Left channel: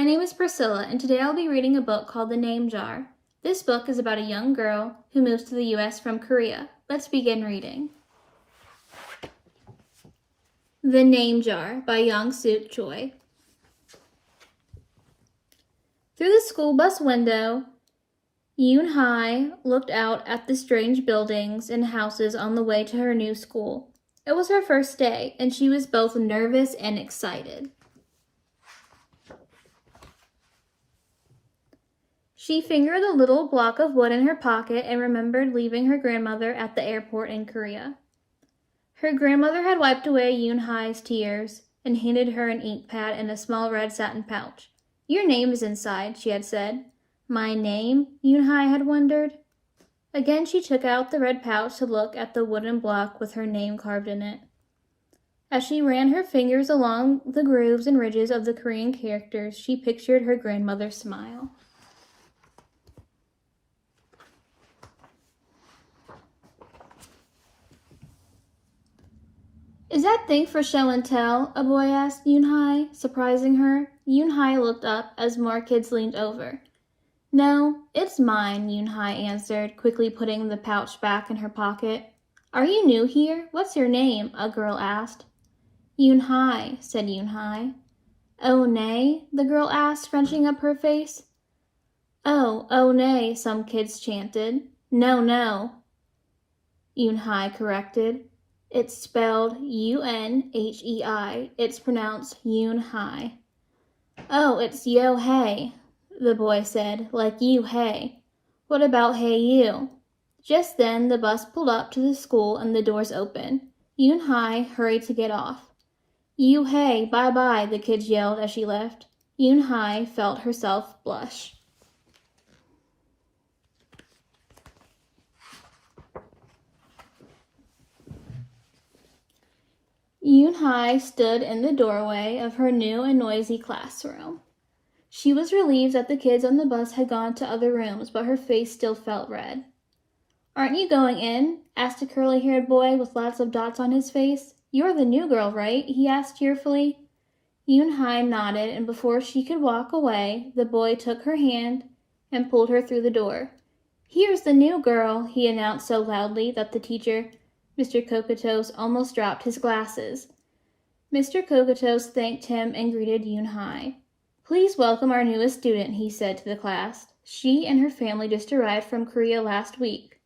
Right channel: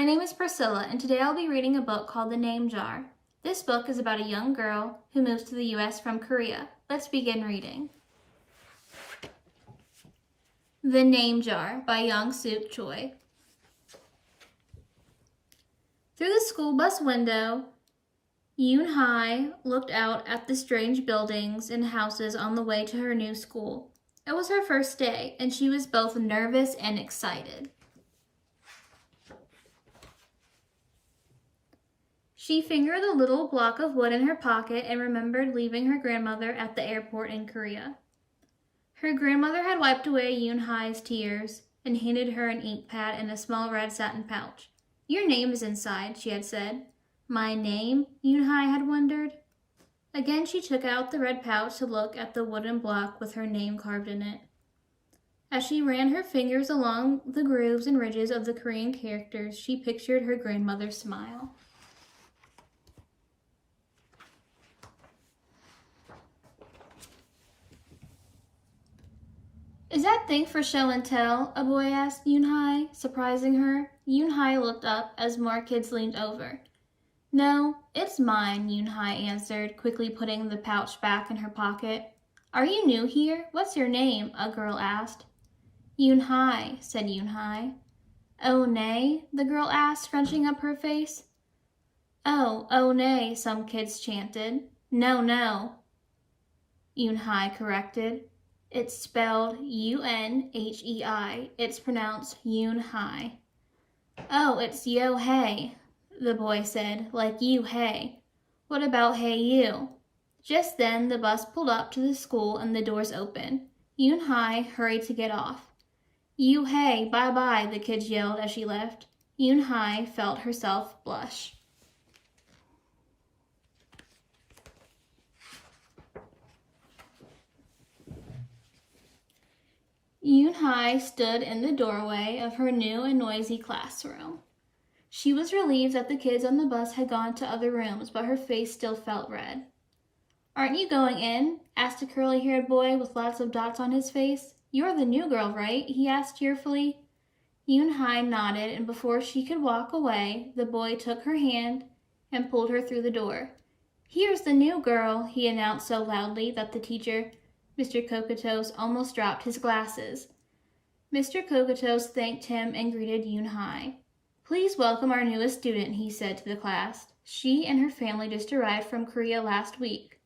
My name is Priscilla, and today I'll be reading a book called The Name Jar. This book is about a young girl who moves to the U.S. from Korea. Let's begin reading. The Name Jar by Yangsook Choi. Through the school bus window, Yoon Hai looked out at the strange buildings and houses on the way to her new school. It was her first day, and she was both nervous and excited. She fingered the little block of wood in her pocket and remembered leaving her grandmother at the airport in Korea. Her grandmother had wiped away Yoon Hai's tears and handed her an ink pad and a small red satin pouch. "Your name is inside," she had said. "My name?" Yoon Hai had wondered. Again she took out the red pouch to look at the wooden block with her name carved in it. As she ran her fingers along the grooves and ridges of the Korean characters, she pictured her grandmother's smile. "Is that thing for show and tell?" a boy asked Yoon Hai, surprising her. Yoon Hai looked up as more kids leaned over. "No, it's mine," Yoon Hai answered, quickly putting the pouch back in her pocket. "Are you new here? What's your name?" a girl asked. "Yoon Hai," said Yoon Hai. "Oh, nay?" the girl asked, scrunching up her face. Oh, nay," some kids chanted. No, Yoon Hai corrected. "It's spelled U-N-H-E-I. It's pronounced Yoon Hai." "Oh, it's Yo Hey," the boy said, "like you hey. What about hey you?" Just then the bus pulled up to the school and the doors opened. Yoon Hai hurried to get off. "You hey, bye-bye," the kids yelled as she left. Yoon Hai felt herself blush. Yoon Hai stood in the doorway of her new and noisy classroom. She was relieved that the kids on the bus had gone to other rooms, but her face still felt red. "Aren't you going in?" asked a curly-haired boy with lots of dots on his face. "You're the new girl, right?" he asked cheerfully. Yoon Hai nodded, and before she could walk away, the boy took her hand and pulled her through the door. "Here's the new girl," he announced so loudly that the teacher, Mr. Kokotos, almost dropped his glasses. Mr. Kokotos thanked him and greeted Yoon Hai. "Please welcome our newest student," he said to the class. "She and her family just arrived from Korea last week."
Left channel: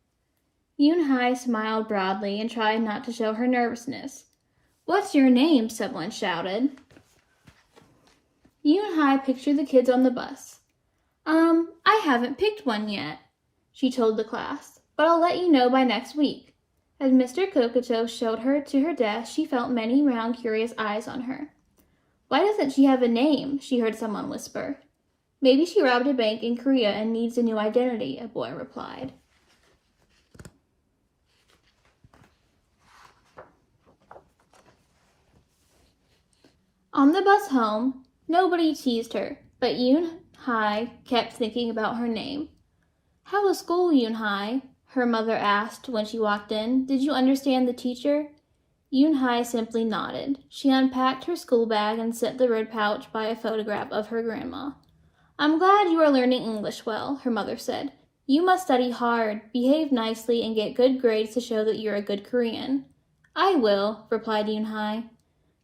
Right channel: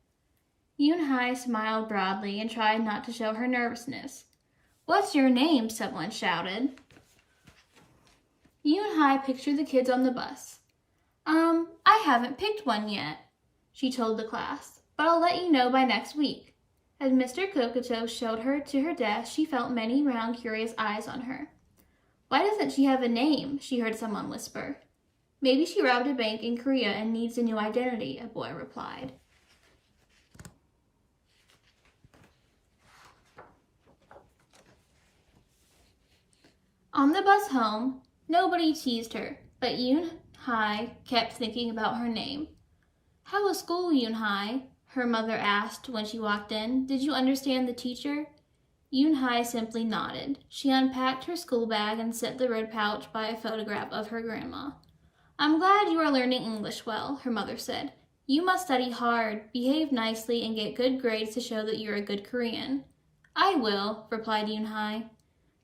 Yoon Hai smiled broadly and tried not to show her nervousness. "What's your name?" someone shouted. Yoon Hai pictured the kids on the bus. I haven't picked one yet," she told the class, "but I'll let you know by next week." As Mr. Kokoto showed her to her desk, she felt many round, curious eyes on her. "Why doesn't she have a name?" she heard someone whisper. "Maybe she robbed a bank in Korea and needs a new identity," a boy replied. On the bus home, nobody teased her, but Yoon Hai kept thinking about her name. "How was school, Yoon Hai?" her mother asked when she walked in. "Did you understand the teacher?" Yoon Hai simply nodded. She unpacked her school bag and set the red pouch by a photograph of her grandma. "I'm glad you are learning English well," her mother said. "You must study hard, behave nicely, and get good grades to show that you're a good Korean." "I will," replied Yoon Hai.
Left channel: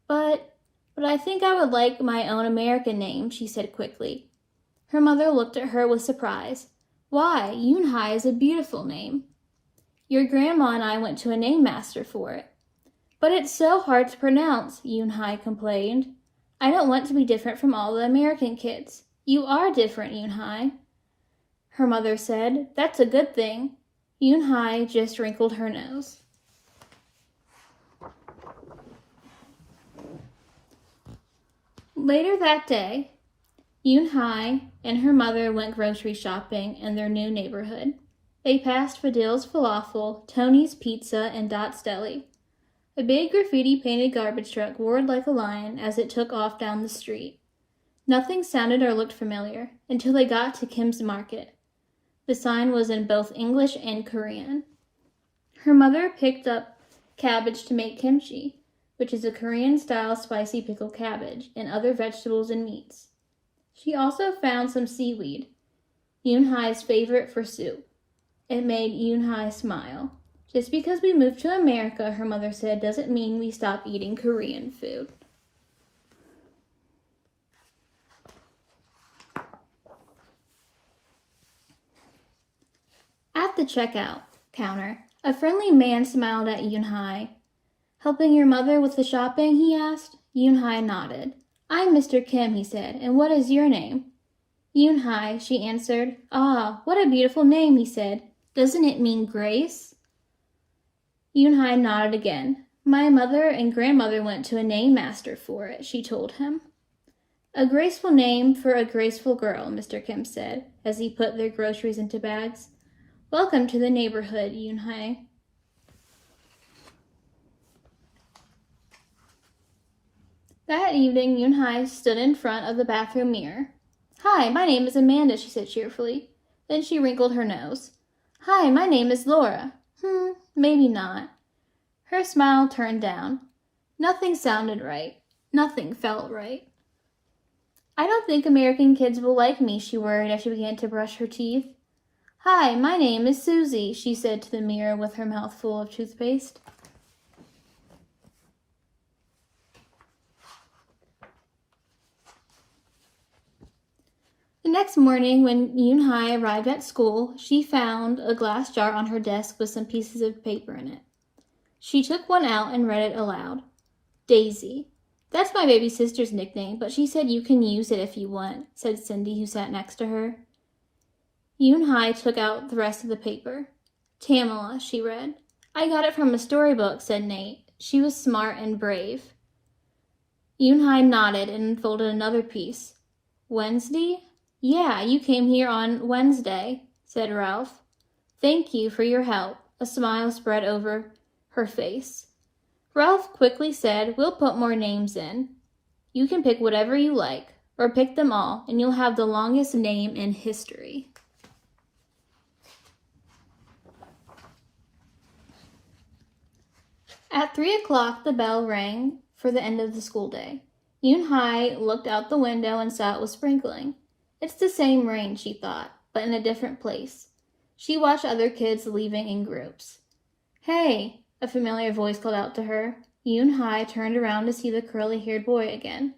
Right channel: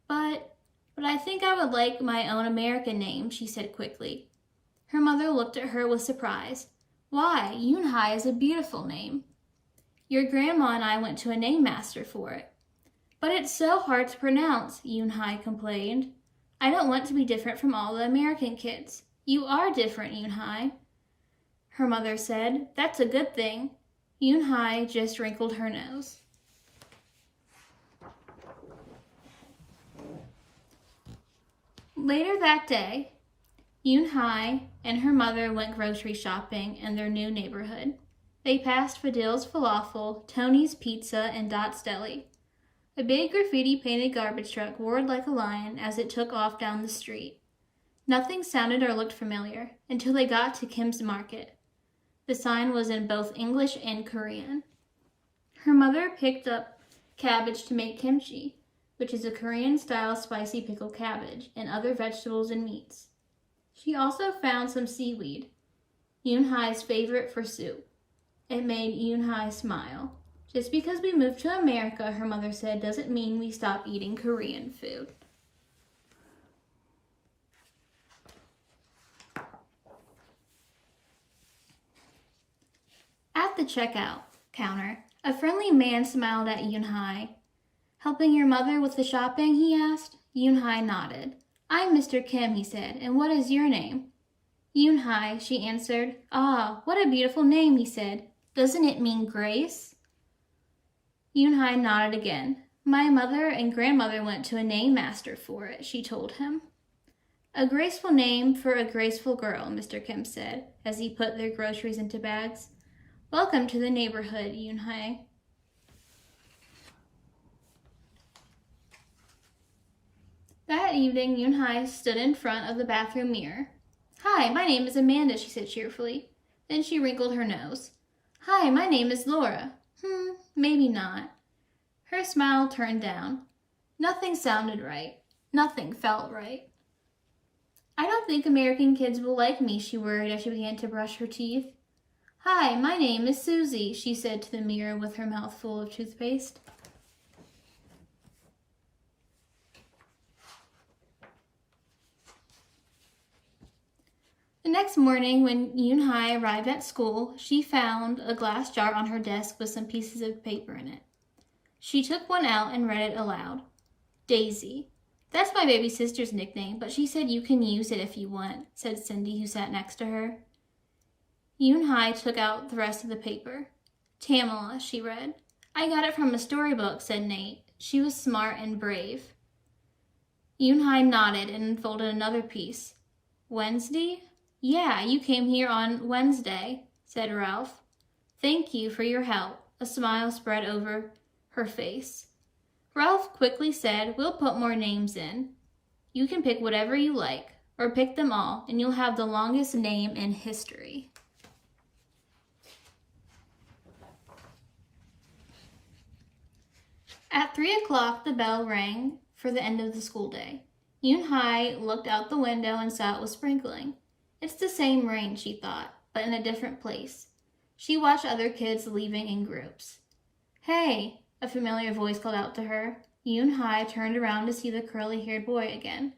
But I think I would like my own American name," she said quickly. Her mother looked at her with surprise. "Why, Yoon Hai is a beautiful name. Your grandma and I went to a name master for it." "But it's so hard to pronounce," Yoon Hai complained. "I don't want to be different from all the American kids." "You are different, Yoon Hai," her mother said. "That's a good thing." Yoon Hai just wrinkled her nose. Later that day, Yoon Hai and her mother went grocery shopping in their new neighborhood. They passed Fadil's Falafel, Tony's Pizza, and Dot's Deli. A big graffiti-painted garbage truck roared like a lion as it took off down the street. Nothing sounded or looked familiar until they got to Kim's Market. The sign was in both English and Korean. Her mother picked up cabbage to make kimchi, which is a Korean-style spicy pickled cabbage, and other vegetables and meats. She also found some seaweed, Yoon-hai's favorite for soup. It made Yoon-hai smile. Just because we moved to America, her mother said, doesn't mean we stop eating Korean food. At the checkout counter, a friendly man smiled at Yoon-hai. Helping your mother with the shopping, he asked. Yoon-hai nodded. I'm Mr. Kim, he said, and what is your name? Yoon-hai, she answered. Ah, what a beautiful name, he said. Doesn't it mean grace? Yoon-hai nodded again. My mother and grandmother went to a name master for it, she told him. A graceful name for a graceful girl, Mr. Kim said, as he put their groceries into bags. Welcome to the neighborhood, Yoon-hai. That evening, Yoon-hai stood in front of the bathroom mirror. Hi, my name is Amanda, she said cheerfully. Then she wrinkled her nose. Hi, my name is Laura. Maybe not. Her smile turned down. Nothing sounded right. Nothing felt right. I don't think American kids will like me, she worried as she began to brush her teeth. Hi, my name is Susie, she said to the mirror with her mouth full of toothpaste. The next morning, when Yoon-hai arrived at school, she found a glass jar on her desk with some pieces of paper in it. She took one out and read it aloud. Daisy. That's my baby sister's nickname, but she said you can use it if you want, said Cindy, who sat next to her. Yoon-hai took out the rest of the paper. Tamala, she read. I got it from a storybook, said Nate. She was smart and brave. Yoon-hai nodded and unfolded another piece. Wednesday? Yeah, you came here on Wednesday, said Ralph. Thank you for your help. A smile spread over her face. Ralph quickly said, we'll put more names in. You can pick whatever you like, or pick them all, and you'll have the longest name in history. At 3 o'clock, the bell rang for the end of the school day. Yoon-hai looked out the window and saw it was sprinkling. It's the same rain, she thought, but in a different place. She watched other kids leaving in groups. Hey, a familiar voice called out to her. Yoon-hai turned around to see the curly-haired boy again.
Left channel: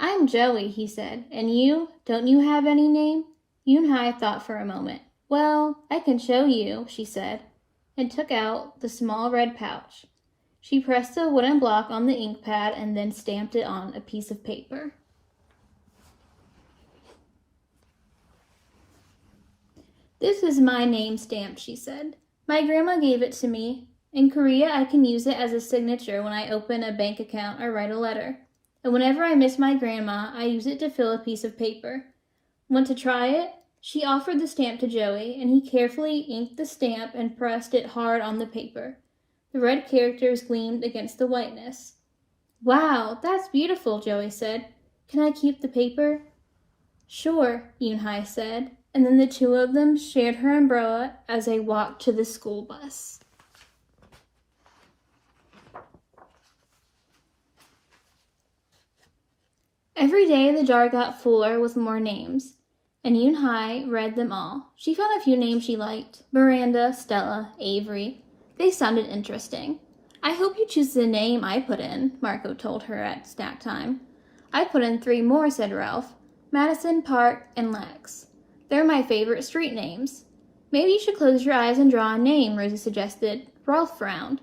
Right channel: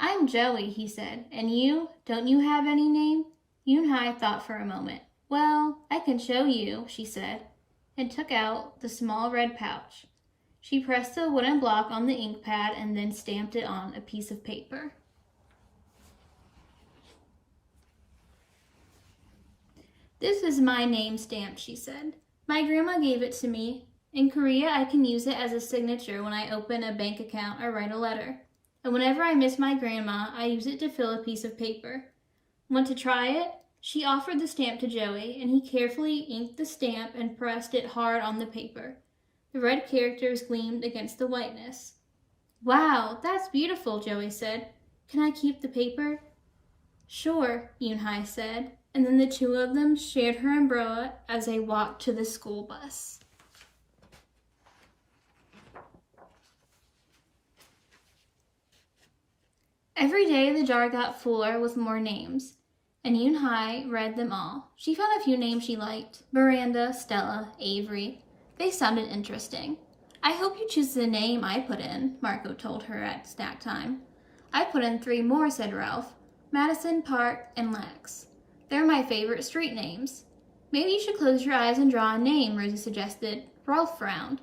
I'm Joey, he said. And you? Don't you have any name? Yoon-hai thought for a moment. Well, I can show you, she said, and took out the small red pouch. She pressed a wooden block on the ink pad and then stamped it on a piece of paper. This is my name stamped, she said. My grandma gave it to me. In Korea, I can use it as a signature when I open a bank account or write a letter. And whenever I miss my grandma, I use it to fill a piece of paper. Want to try it? She offered the stamp to Joey, and he carefully inked the stamp and pressed it hard on the paper. The red characters gleamed against the whiteness. Wow, that's beautiful, Joey said. Can I keep the paper? Sure, Yoon-hai said, and then the two of them shared her umbrella as they walked to the school bus. Every day the jar got fuller with more names, and Yoon-hai read them all. She found a few names she liked. Miranda, Stella, Avery. They sounded interesting. I hope you choose the name I put in, Marco told her at snack time. I put in 3 more, said Ralph. Madison, Park, and Lex. They're my favorite street names. Maybe you should close your eyes and draw a name, Rosie suggested. Ralph frowned.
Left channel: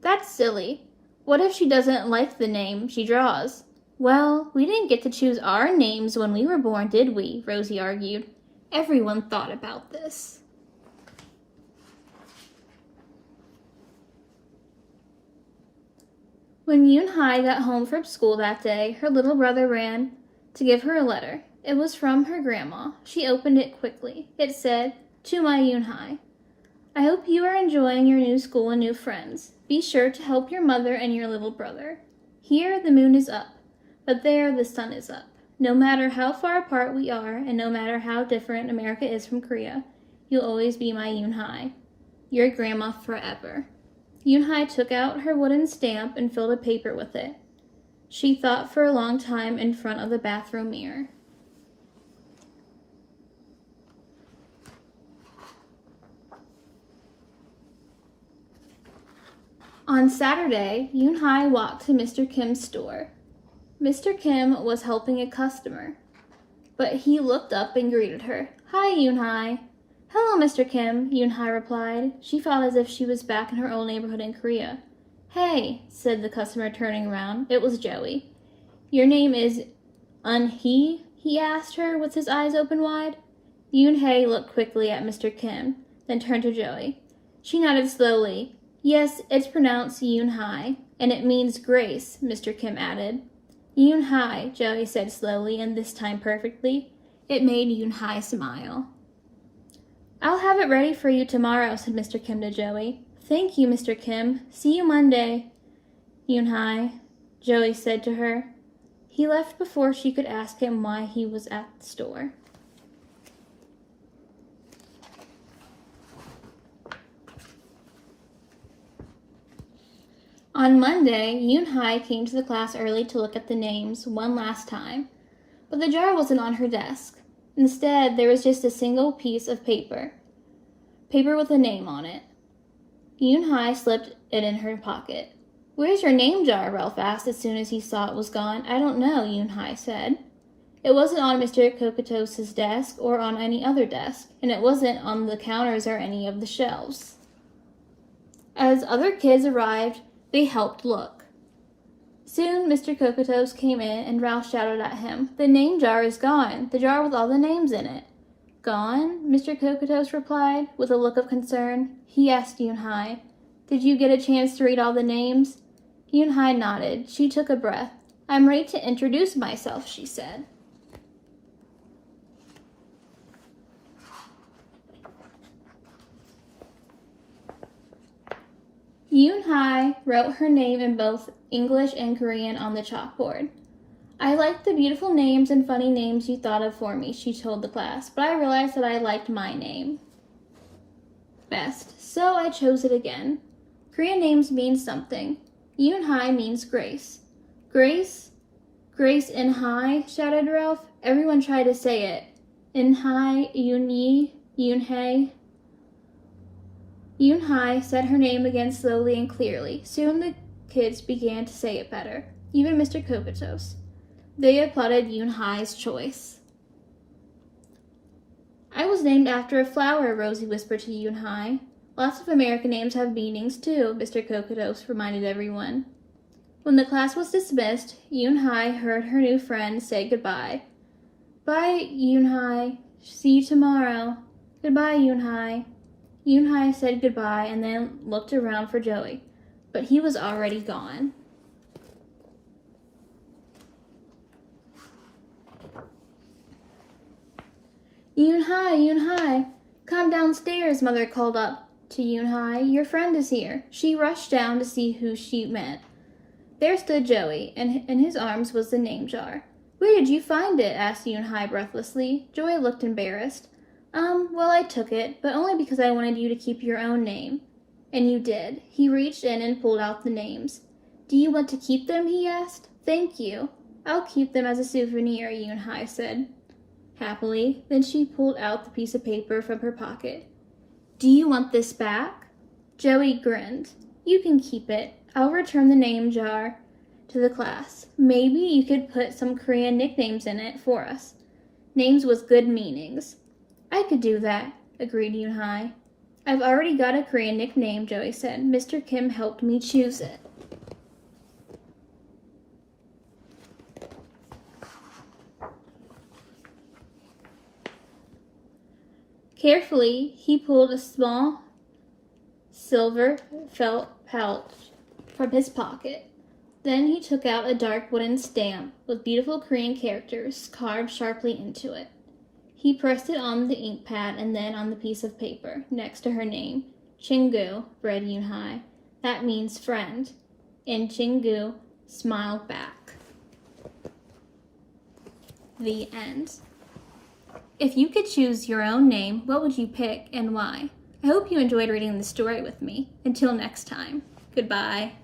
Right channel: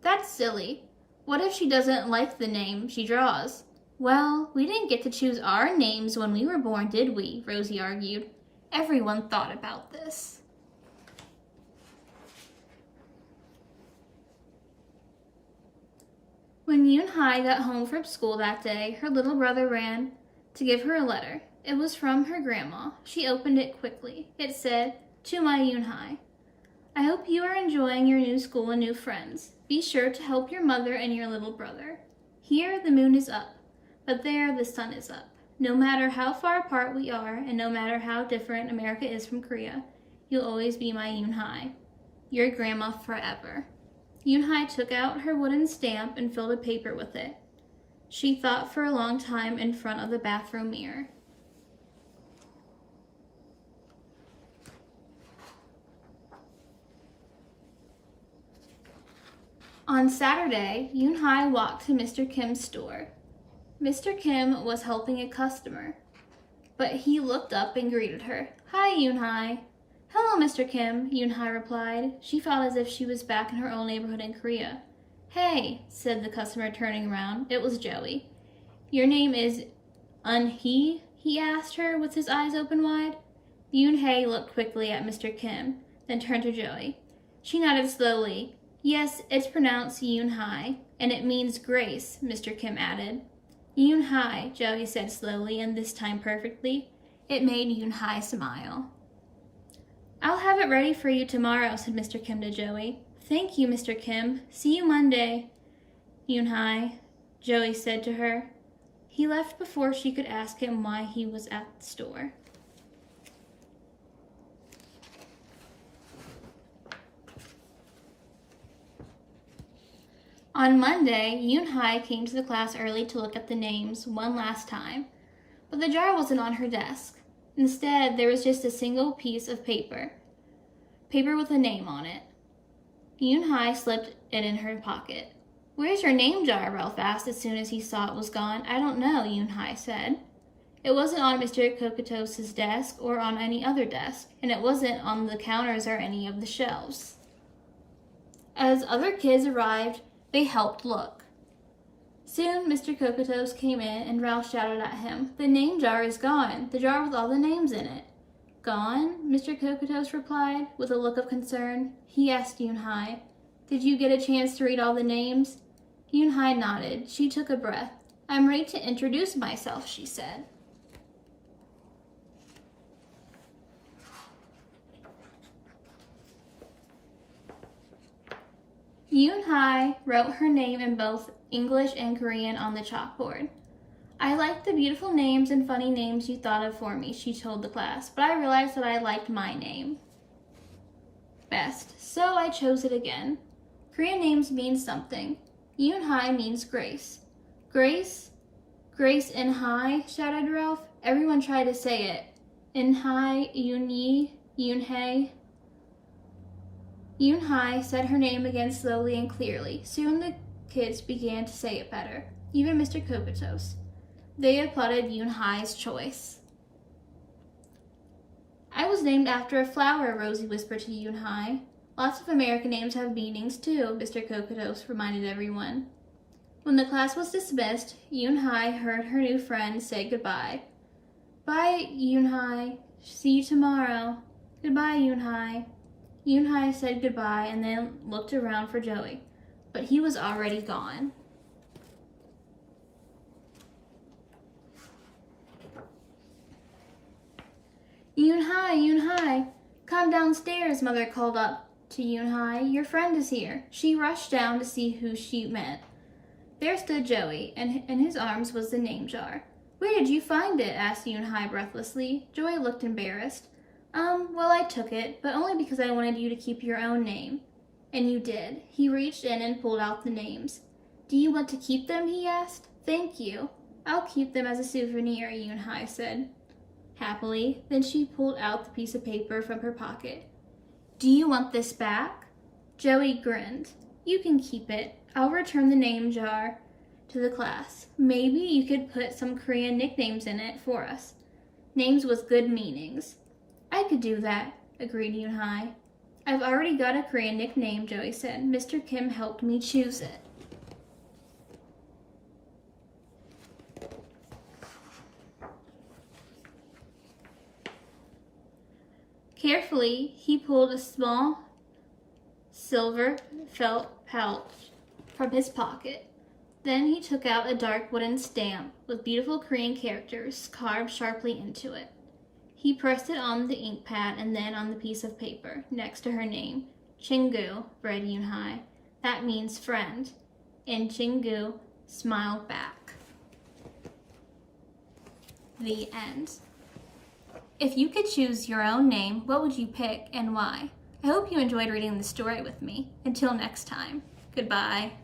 That's silly. What if she doesn't like the name she draws? Well, we didn't get to choose our names when we were born, did we? Rosie argued. Everyone thought about this. When Yoon-hai got home from school that day, her little brother ran to give her a letter. It was from her grandma. She opened it quickly. It said, To my Yoon-hai, I hope you are enjoying your new school and new friends. Be sure to help your mother and your little brother. Here the moon is up, but there the sun is up. No matter how far apart we are, and no matter how different America is from Korea, you'll always be my Yoon-hai. Your grandma forever. Yoon-hai took out her wooden stamp and filled a paper with it. She thought for a long time in front of the bathroom mirror. On Saturday, Yoon-hai walked to Mr. Kim's store. Mr. Kim was helping a customer, but he looked up and greeted her. "Hi, Yoon-hai." "Hello, Mr. Kim," Yoon-hai replied. She felt as if she was back in her old neighborhood in Korea. "Hey," said the customer, turning around. It was Joey. "Your name is Un-hee?" he asked her with his eyes open wide. Yoon-hai looked quickly at Mr. Kim, then turned to Joey. She nodded slowly. "Yes, it's pronounced Yoon-hai, and it means grace," Mr. Kim added. "Yoon-hai," Joey said slowly, and this time perfectly. It made Yoon-hai smile. "I'll have it ready for you tomorrow," said Mr. Kim to Joey. "Thank you, Mr. Kim. See you Monday." "Yoon-hai," Joey said to her. He left before she could ask him why he was at the store. On Monday, Yoon-hai came to the class early to look at the names one last time, but the jar wasn't on her desk. Instead, there was just a single piece of paper with a name on it. Yoon-hai slipped it in her pocket. "Where's your name jar?" Ralph asked as soon as he saw it was gone. "I don't know," Yoon-hai said. It wasn't on Mr. Kokotos's desk or on any other desk, and it wasn't on the counters or any of the shelves. As other kids arrived, they helped look. Soon, Mr. Kokotos came in, and Ralph shouted at him, "The name jar is gone, the jar with all the names in it." "Gone?" Mr. Kokotos replied, with a look of concern. He asked Yoon-hai, "Did you get a chance to read all the names?" Yoon-hai nodded. She took a breath. "I'm ready to introduce myself," she said. Yoon-hai wrote her name in both English and Korean on the chalkboard. "I liked the beautiful names and funny names you thought of for me," she told the class, "but I realized that I liked my name best, so I chose it again." Korean names mean something. Yoon-hai means grace. "Grace? Grace In-hai?" shouted Ralph. Everyone tried to say it. In-hai, Yoon-yi, Yoon-hae. Yoon-hai said her name again slowly and clearly. Soon the kids began to say it better, even Mr. Kokotos. They applauded Yoon-hai's choice. "I was named after a flower," Rosie whispered to Yoon-hai. "Lots of American names have meanings too," Mr. Kokotos reminded everyone. When the class was dismissed, Yoon-hai heard her new friend say goodbye. "Bye, Yoon-hai. See you tomorrow." "Goodbye, Yoon-hai." Yoon-hai said goodbye and then looked around for Joey, but he was already gone. "Yoon-hai, Yoon-hai, come downstairs," Mother called up to Yoon-hai. "Your friend is here." She rushed down to see who she meant. There stood Joey, and in his arms was the name jar. "Where did you find it?" asked Yoon-hai breathlessly. Joey looked embarrassed. Well, I took it, but only because I wanted you to keep your own name." "And you did." He reached in and pulled out the names. "Do you want to keep them?" he asked. "Thank you. I'll keep them as a souvenir," Yoon-hai said happily. Then she pulled out the piece of paper from her pocket. "Do you want this back?" Joey grinned. "You can keep it. I'll return the name jar to the class. Maybe you could put some Korean nicknames in it for us. Names with good meanings." "I could do that," agreed Yoon-hai. "I've already got a Korean nickname," Joey said. "Mr. Kim helped me choose it." Carefully, he pulled a small silver felt pouch from his pocket. Then he took out a dark wooden stamp with beautiful Korean characters carved sharply into it. He pressed it on the ink pad and then on the piece of paper next to her name. "Chingu," read Yoon-hai. "That means friend." And Chingu smiled back. The end. If you could choose your own name, what would you pick and why? I hope you enjoyed reading the story with me. Until next time, goodbye.